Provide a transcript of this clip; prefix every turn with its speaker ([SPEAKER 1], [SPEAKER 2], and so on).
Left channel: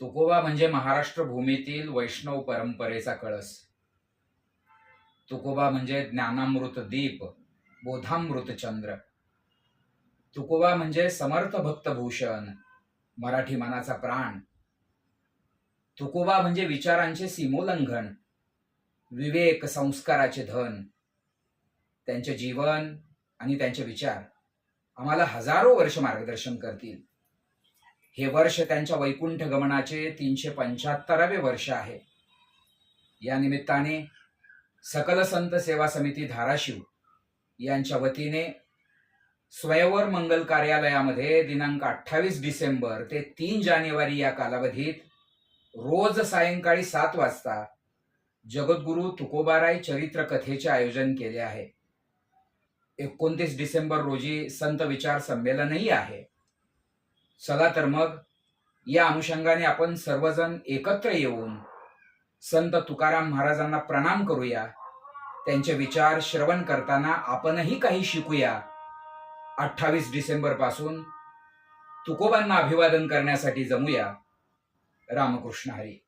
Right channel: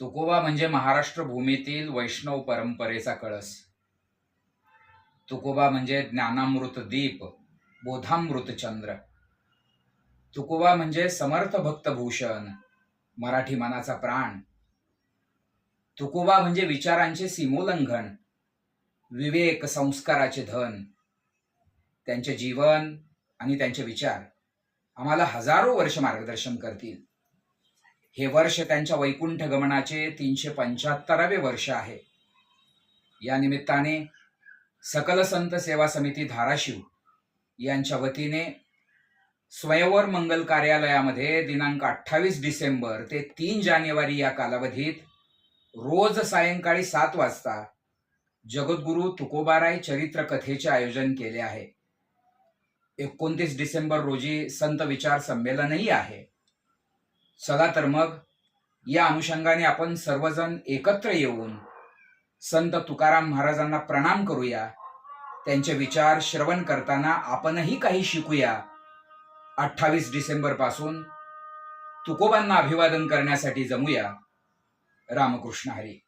[SPEAKER 1] तुकोबा म्हणजे महाराष्ट्र भूमीतील वैष्णव परंपरेचा कळस. तुकोबा म्हणजे ज्ञानामृत दीप बोधामृत चंद्र. तुकोबा म्हणजे समर्थ भक्तभूषण मराठी मनाचा प्राण. तुकोबा म्हणजे विचारांचे सीमोल्लंघन विवेक संस्काराचे धन. त्यांचे जीवन आणि त्यांचे विचार आम्हाला हजारो वर्ष मार्गदर्शन करतील. हे वर्ष त्यांच्या वैकुंठ गमनाचे तीनशे पंच्याहत्तरावे वर्ष आहे. या निमित्ताने सकल संत सेवा समिती धाराशिव यांच्या वतीने स्वयंवर मंगल कार्यालयामध्ये दिनांक अठ्ठावीस डिसेंबर ते तीन जानेवारी या कालावधीत रोज सायंकाळी सात वाजता जगद्गुरू तुकोबाराय चरित्र कथेचे आयोजन केले आहे. एकोणतीस डिसेंबर रोजी संत विचार संमेलनही आहे. चला तर मग या अनुषंगाने आपण सर्वजण एकत्र येऊन संत तुकाराम महाराजांना प्रणाम करूया. त्यांचे विचार श्रवण करताना आपणही काही शिकूया. अठ्ठावीस डिसेंबरपासून तुकोबांना अभिवादन करण्यासाठी जमूया. रामकृष्ण हरी.